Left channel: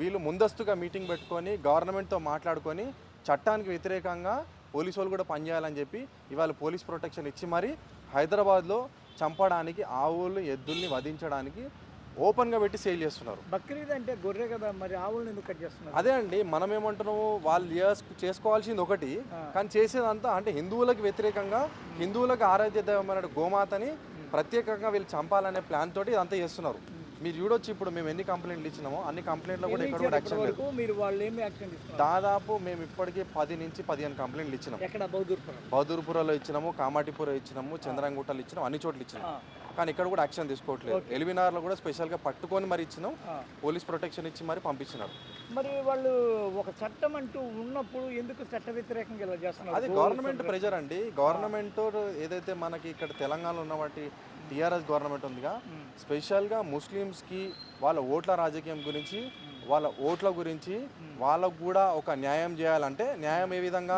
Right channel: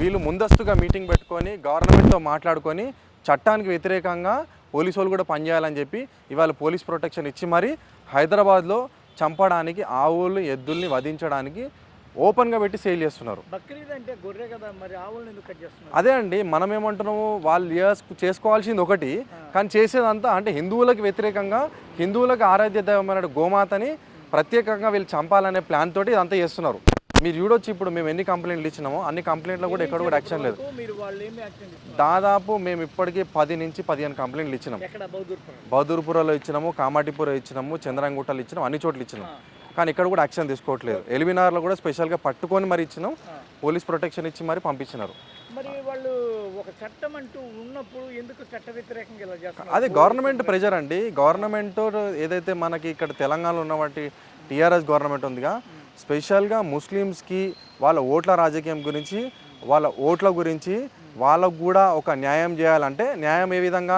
వీళ్ళు ముందస్తుగా మీటింగ్ పెట్టుకొని గవర్నమెంట్తో మాట్లాడుకొని చట్టానికి వ్యతిరేకంగా పోలీసు వాళ్ళు కూడా పనిచేయాలని చెప్పి ఇవాళ పోలీస్ ప్రొటెక్షన్ ఇచ్చి మరి హైదరాబాద్లో చంపడానికి ఆవులు ఎద్దుల్ని వధించడానికి ఓపెన్గా పెట్టి సేల్ చేస్తున్నారు. అంటే గొర్రె కదా మరి ఆవులను ఎందుకు కట్ చేస్తున్నారు? అదే అండి మనం ఏమంటున్నాము వాళ్ళు చేస్- చేసుకోవాల్సింది ఒకటి కానీ చేసేదంతా అంటే హిందువులకు వ్యతిరేకంగా హిందువులకు ఆరాధ్య దైవమైన గోమాతని ప్రత్యేకంగా వీళ్ళు చంపాలనే ప్లాన్ తోటి ఇదంతా చేస్తున్నారు. మీరు చూడొచ్చు ఇప్పుడు మేము ఎన్ని కంప్లైంట్లు ఇచ్చినామో అన్ని కంప్లైంట్లో కూడా ఎక్కడ కూడా యాక్షన్ లేదు. దాదాపు మేము ఇప్పటికీ పది నుంచి పదిహేను కంప్లైంట్లు ఇచ్చినాం. ఎక్కడ? బౌద్ధూర్పురం బహదూర్పురలో ఇచ్చినాము కామాటిపుర ఇచ్చినాము చంద్రంగుట్టలు ఇచ్చినాం అన్ని చోట్ల ఇచ్చినాం. కానీ ఇక్కడ కూడా యాక్షన్ తీసుకోవట్లేదు. ఎలిమినార్లో కూడా స్పెషల్గా పట్టుకొని మరి ఇచ్చినాం పోలీస్ ప్రొటెక్షన్ ఇచ్చి మరి పంపించినారు. మరి వాళ్ళు ఒక చట్టం అంటూ ఉన్నప్పుడు ఎందుకు చట్ట వ్యతిరేకంగా ఇలా చేస్తున్నారు? అదే గవర్నమెంట్ ప్రెజర్ అండి. గవర్నమెంట్ ఏదైతే మనకి ఇక్కడ తెలంగాణలో ఉన్నటువంటి టీఆర్ఎస్ గవర్నమెంట్ ఉందిగా స్పెషల్గా ముస్లిమ్స్కి వాళ్ళ ఓట్ల రాజకీయం గురించి వాళ్ళ ఓట్ల గురించి వాళ్ళకు కూడా ఒక న్యాయం చేయాలంటే న్యాయం ఏ విధంగా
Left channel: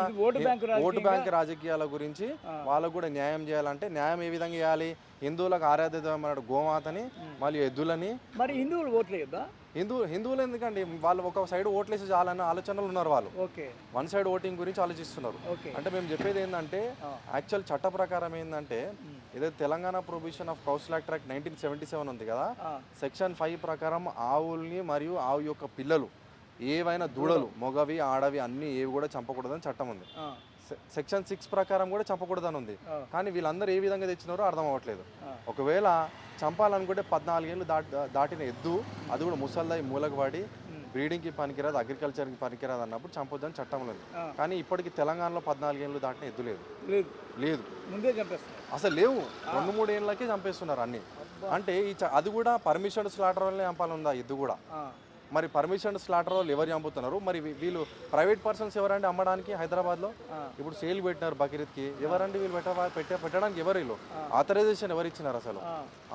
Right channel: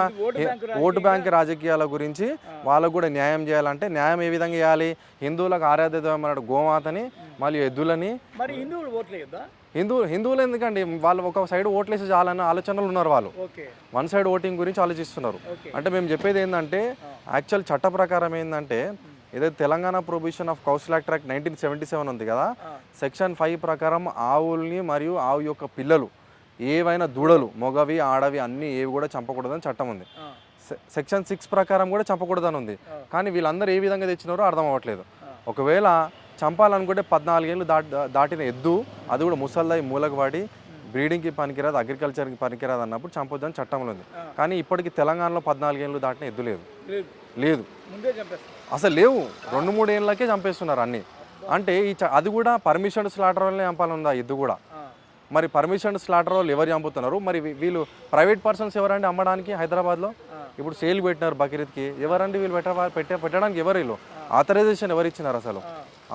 ఓటు బ్యాంకు రాజకీయాల గురించి వాళ్ళకు కూడా న్యాయం చేయాలంటే న్యాయం ఏ విధంగా చేయాలి? హిందువులకు ఆరాధ్య దైవమైన గోమాతని మరియు ఎద్దులని మరి హిందువులు ఓట్లు హిందూ హిందువులు ఎందుకండి? వాళ్ళు ఒక సైడ్ ఓట్లేసి చాలన్న ఆలోచనలు ఉన్నారు వాళ్ళు. వన్ సైడ్ ఓటింగ్ గురించి ఆలోచిస్తున్నారు. అంటే మేము చెప్పేది ఏంటంటే యాక్చువల్ చట్ట ప్రకారం ఏంటంటే ఏదైతే Telangana provision of council act act nineteen seventy seven ఉంది కదా. సెక్షన్ ఫైవ్ ప్రకారం ఆవుల్ని మరియు ఆవు యొక్క పిల్లలు ఏవైనా దూడలు మొగవి ఆడవి అన్ని ఏవి కూడా చంపకూడదని చట్టం ఉంది. సెక్షన్ సిక్స్ ప్రకారం కూడా చంపకూడదని ఉంది. కానీ వీళ్ళందరూ ఏ విధంగా తెచ్చినారో అర్థం అవ్వట్లేదు. ఒకవేళ చంపాలనుకుంటే పద్నాలుగేళ్ళు దాటి దాటిన ఎద్దు అది కూడా ముసల్దాయి మూలకు వాడి బ్రీడింగ్కి పనికిరాదు అగ్రికల్చర్కి పనికిరాదు అన్నప్పుడు చంపొద్దని చట్టంలో ఉంది. కానీ ఇప్పటికి తెలంగాణలో పద్నాలుగేళ్ళు దాటిన ఎద్దు లేదు. లేదు. అసలు లేవు. రెండు మూడు ఏళ్ళకే చంపేస్తున్నారు అన్ని. అంటే ఈ అది కూడా పర్మిషన్ స్లాటర్ వల్లే చంపాలందా ఎద్దు కూడా. మరి పర్మిషన్ స్లాటర్ వాళ్ళు ఎవరు చంపుతున్నారు? మరి వీళ్ళు ప్రైవేట్ పర్సన్స్ ఎవరండి అమ్మడానికి హైదరాబాద్లో. ఇప్పుడు సేల్ పెట్టినారు బక్రీద్కి. ఎవరండి వీళ్ళు పెట్ట పెట్టే పెట్టడానికి ఎవరు వీళ్ళు? ఆథరైజేషన్ ఎవరు ఇచ్చినారు అసలు?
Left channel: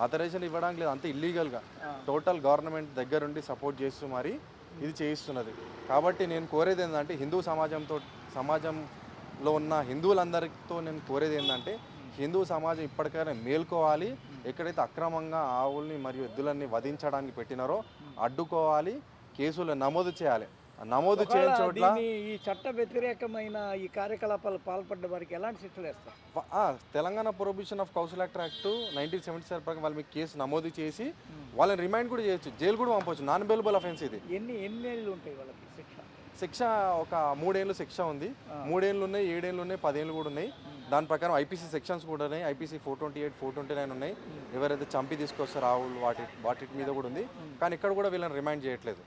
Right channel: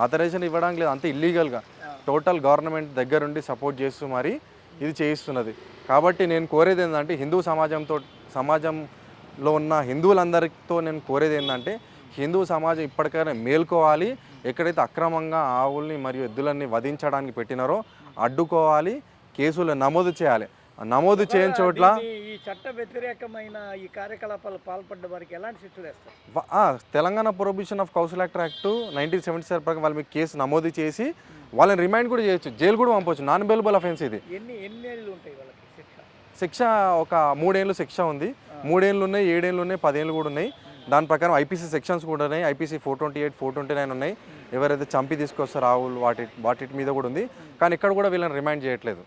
ఆథరైజేషన్ ఇవ్వడానికి లేదు అంత ఇల్లీగల్గా. టోటల్ గవర్నమెంట్ దగ్గరుండి సపోర్ట్ చేస్తూ మరి ఇది చేయిస్తున్నది. కాబట్టి నేను కోరేది ఏంటంటే హిందూ సమాజంతో సమాజంలో ఉన్న హిందువులందరితో నేను కోరేది ఏంటంటే హిందూ సమాజం ఇప్పటికైనా మేల్కోవాలి. ఎక్కడైతే అక్రమంగా ఆవుల్ని మరియు ఎద్దులన్నీ వధించడానికి పెట్టినారో అడ్డుకోవాలి కేసులు నమోదు చేయాలి. నమోదు చేయని చోట్ల ఈ చట్ట వ్యతిరేకమైన ఈ కార్యకలాపాలు పాల్పడ్డ వారికి ఎలాంటి శిక్షలు వేస్తారు? Telangana prohibition of council act act nineteen seventy seven ప్రకారం వాళ్ళ మీద కేసు నమోదు చేసి వాళ్ళని రిమైండ్ కూడా చేయొచ్చు. జైలు కూడా పంపొచ్చు. నాన్ బెయిలబుల్ అఫెన్స్ ఇది. ఎన్ని ఎన్ని ఏళ్ళు ఉంటాయి వాళ్ళకి శిక్ష? శిక్ష ఒక మూడేళ్ళు శిక్ష ఉంది. మూడేళ్ళు ఉన్నాయి ఏడేళ్ళు ఉన్నాయి పదేళ్ళు కూడా ఉన్నాయి. దాని ప్రకారం ఐపీసీ సెక్షన్స్ కూడా ఉన్నాయి. IPC four twenty eight four twenty nine ఉన్నాయి. ఎవరైతే చంపి తీసుకొస్తారో ఆవులు వాటి వాటి మీద కూడా ఉంది. కానీ ఇక్కడ కూడా వీళ్ళని రిమైండ్ చేయట్లేదు.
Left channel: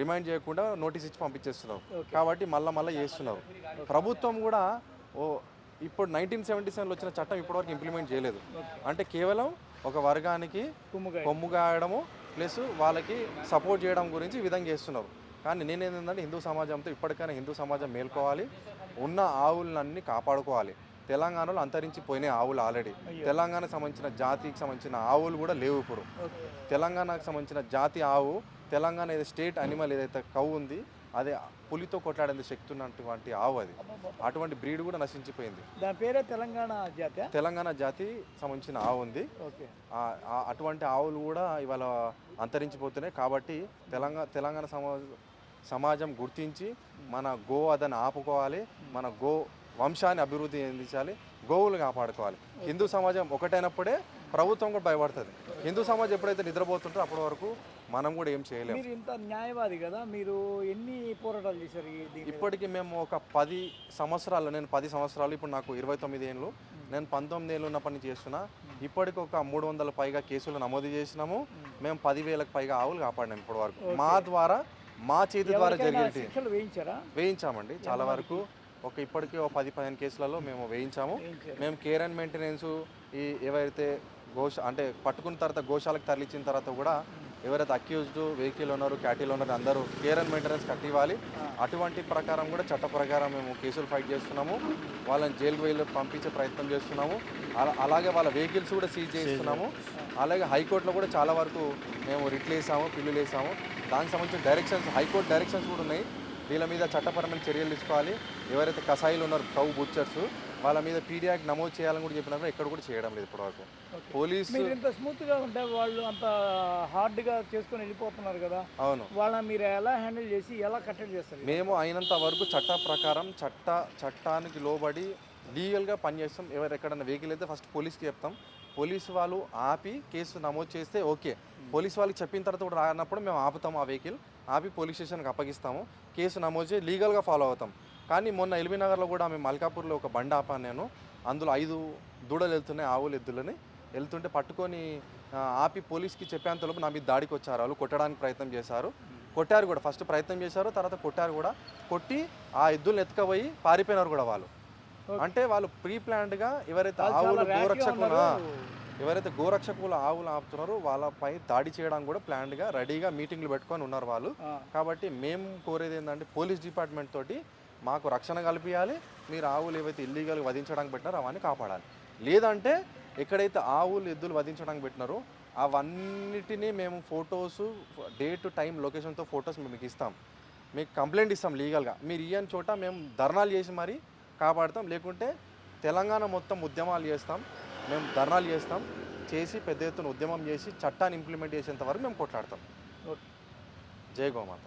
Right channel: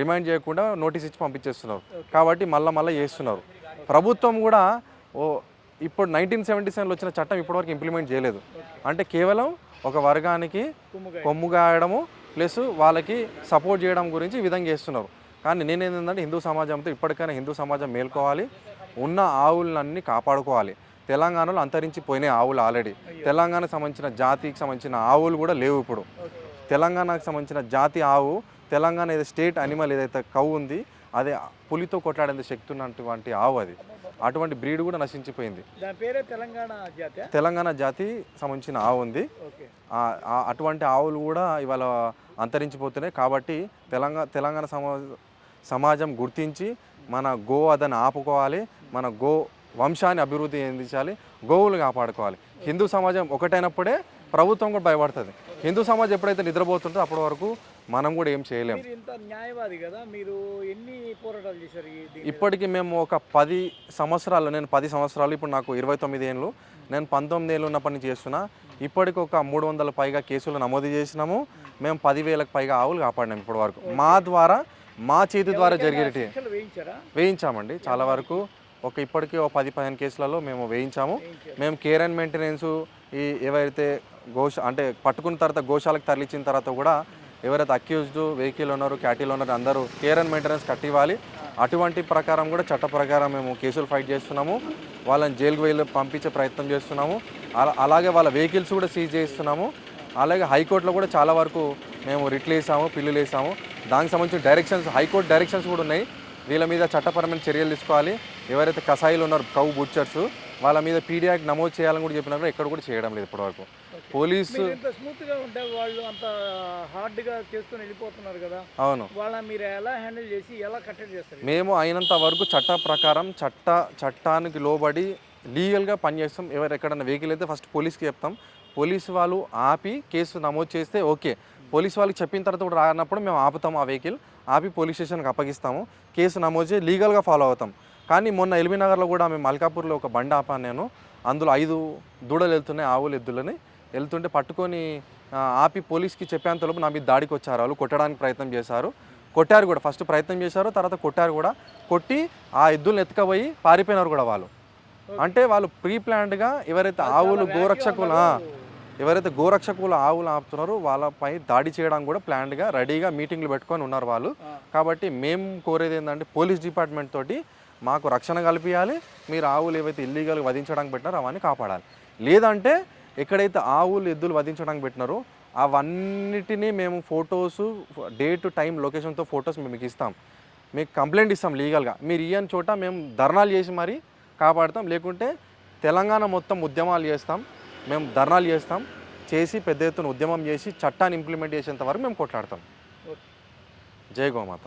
రిమైండ్ చేయకుండా నోటీస్ ఇచ్చి పంపించేస్తున్నారు. కాబట్టి మళ్ళీ మళ్ళీ చేస్తున్నారు. ప్రభుత్వం కూడా ఓ ఇప్పుడు నైన్టీన్ సెవెంటీ సెవెన్లో వచ్చిన చట్టం ఇప్పటివరకు ఇంప్లిమెంట్ చేయలేదు. అంటే కేవలం ఒక వర్గానికి కుమ్ముగా కొమ్ము గాయడము ప్లస్ వాళ్ళకి సపోర్ట్ చేయడం గురించి ఈ విధంగా చేస్తున్నారు. కానీ నేనేంటంటే హిందూ సమాజంతో ఇప్పటికైనా హిందూ సమాజం మేల్కోవాలి. ఉన్న ఆవులన్నీ కాపాడుకోవాలి. తెలంగాణలో అంతరించిపోయినాయి ఆవులు ఆల్రెడీ తెలంగాణకు సంబంధించిన జాతికి సంబంధించిన ఆవులు కూడా లేవు ఇప్పుడు. తెలంగాణకు సంబంధించిన జాతి ఆవు తెలంగాణ ఏదో స్టేట్ అనిమల్ ఏదైతే కవ్వు ఉంది అదే పులితో కొట్లాడేంత శక్తి ఉన్నటువంటి ఆవు అది. అటువంటి బ్రీడ్ కూడా నశించిపోయింది. దాని పేరే తెలంగాణ జాత? తెలంగాణ జాతి సంబంధించిన ఆవు ఉంది. అటువంటి ఆవులు కూడా ఇవాళ అంతరించిపోతున్నాయి కాబట్టి తెలంగాణ తెలంగాణ సమా సమాజం గుర్తించి మన గో అదని ఆపుకోవాలి. మన గో వంశాన్ని అభివృద్ధి చెందించాలి గోవులు కాపాడుకోవాలి. హిందూ సమాజం ఒకటైనప్పుడే ప్రభుత్వం కూడా భయపడుతుంది. హిందూ సమాజం ఎప్పుడైతే నిద్రపోతుందో అప్పటి వరకు మనం కూడా ఏం చేయలేం. మీరు ఇంత న్యాయవాది కదా మీరు ఎన్ని పోరాటాలు చేశారు? ఇప్పటికి మేము ఒక పది సంవత్సరాలు నేను పది సంవత్సరాలు ఇప్పుడు నాకు ఇరవై తొమ్మిది ఏళ్ళు నేను పంతొమ్మిది ఏళ్ళు ఉన్నప్పటి నుంచి చేస్తున్నా. ఇప్పటికి ఒక మూడు వందల పైగా కేసులు నమోదు చేసినాము. మేము పదివేలకు పైగా ఆవులు కాపాడినాం ఇప్పటి వరకు. మా ద్వారా మా చేతి ద్వారా జరిగేటి వేయించారా? వేయించామండి చాలా వరకు. ఒక ఇప్పటికీ ఒక పది పదిహేను కేసులలో మేము వేయించాము. మేము కేర్ అండ్ మెయింటెనెన్స్ ఈ ఏవైతే గోష అంటే పట్టుకున్న తర్వాత గోశాలకు తరలించిన తర్వాత కూడా ఎవరైతే అక్యూజ్డ్ వెహికల్ ఉన్నారో క్యాటిల్ ఉన్నారో అందరూ కేర్ అండ్ మెయింటెనెన్స్ కట్టివ్వాలి. అటువంటి ప్రకారం కూడా చట్ట ప్రకారం మేము కేసులు ఫైట్ చేస్తున్నాము. వాళ్ళని జైలుకు వెళ్ళి పంపించే ప్రయత్నం చేస్తున్నాము. అలా- అలాగే వాళ్ళ వెహికల్స్ కూడా సీజ్ చేస్తున్నాము. అలాగే హైకోర్టులో కూడా చాలా వరకు మేము రిట్లు వేసాము పిల్లులు వేసాము దానికి సంబంధించిన డైరెక్షన్స్ హైకోర్టు డైరెక్షన్స్ కూడా ఉన్నాయి. వీళ్ళ మీద చట్టపరమైన చర్యలు తీసుకోవాలి. ఎవరైతే కసాయిలు ఉన్నారో కౌ బుచ్చర్స్ వాళ్ళ మీద పీడియాక్ నమోదు చేయాలని కూడా చెప్పినారు ఎక్కడ కూడా చేయడం లేదు ఇప్పటివరకు. పోలీసు ఇంత స్మూత్గా ఉంటే వాళ్ళు అంత హార్డ్గా చేసుకొని వెళ్ళిపోతున్నారు కదా. అవును. వాళ్ళని మీరు ఎలా హ్యాండిల్ చేసి ఎలా కట్టడి చేస్తారు? మేము అయినంత వరకు చట్ట ప్రకారం చట్ట చట్టానికి లోబడి లీగల్గా పనిచేస్తాం ఎవరు ఎక్కడన్నా వెహికల్ అయితే ఫస్ట్ పోలీస్కి చెప్తాం. పోలీసు వాళ్ళు ఆపి కేసు నమోదు చేస్తే ఓకే. పోలీసు వాళ్ళకి చెప్పిన తర్వాత కూడా రానప్పుడు మేము ఆపుతాం ఆ వెహికల్. ఆపి పోలీస్ స్టేషన్కి అప్పగిస్తాము. కేసు నమోదు చేసి లీగల్గా ఫాలో అవుతాం. కానీ మొన్న ఎల్బీ నగర్లో కూడా మేము మల్కాపూర్లో ఒక బండి ఆపాను నేను. అందులో ఐదు దూడలు వెళ్తున్నాయి ఆవులు ఎద్దులని. వెళ్తుంటే పట్టుకొని ఆపి పోలీస్కి చెప్పేంతలోపు నా మీద దాడికి వచ్చారు. వాళ్ళు కొట్టడానికి ప్రయత్నం చేశారు. కొట్టారు కూడా. ఫస్ట్ ప్రయత్నం చేశారు తర్వాత కొట్టారు కూడా. కొట్టి ఆ ఎద్దులను ఎత్తుకపోయి పారిపోయినారు కూడా వాళ్ళు. అంటే వాళ్ళు ప్రీ ప్లాన్డ్గా ఎవరైతే ఆవులు గోరక్షకులు ఎవరైతే గోరక్షకులు ఆవులు ఆపుతున్నారో వాళ్ళపై దాడి చేయడానికి కూడా ప్లాన్డ్గా రెడీగా మీటింగ్లు పెట్టుకొని ఉన్నారు వాళ్ళు. కాబట్టి మేము కోరేది ఏంటంటే పోలీస్ డిపార్ట్మెంట్ తోటి మాకు రక్షణ కల్పించాలి మీరు ఆవులు ఏవైతే ఇల్లీగల్గా వధించడానికి పెట్టినారో అవన్నీ కాపాడాలి. లేదంటే ఎక్కడైతే ఆవులు ఎద్దులు వధించడానికి పెట్టినారో అవన్నిటినీ మేము ఫొటోస్ డేట్ టైం లొకేషన్తో ఫొటోస్ మేము మీకు ఇస్తాం. మీకు కంప్లైంట్ ఇస్తాం లీగల్గా. మీరు ఇయ్యని చోట మేము ధర్నాలు చేసి మరీ కాపాడుతాం. లేకుంటే తెలంగాణ మొత్తం ఉద్యమాలు చేస్తాం. మేము ధర్నాలు చేస్తాం చేసి పెద్ద ఎత్తున ఉద్యమం చేసి చట్టాన్ని ఇంప్లిమెంట్ చేసేంత వరకు మేము కొట్లాడతాం. జై గోమాత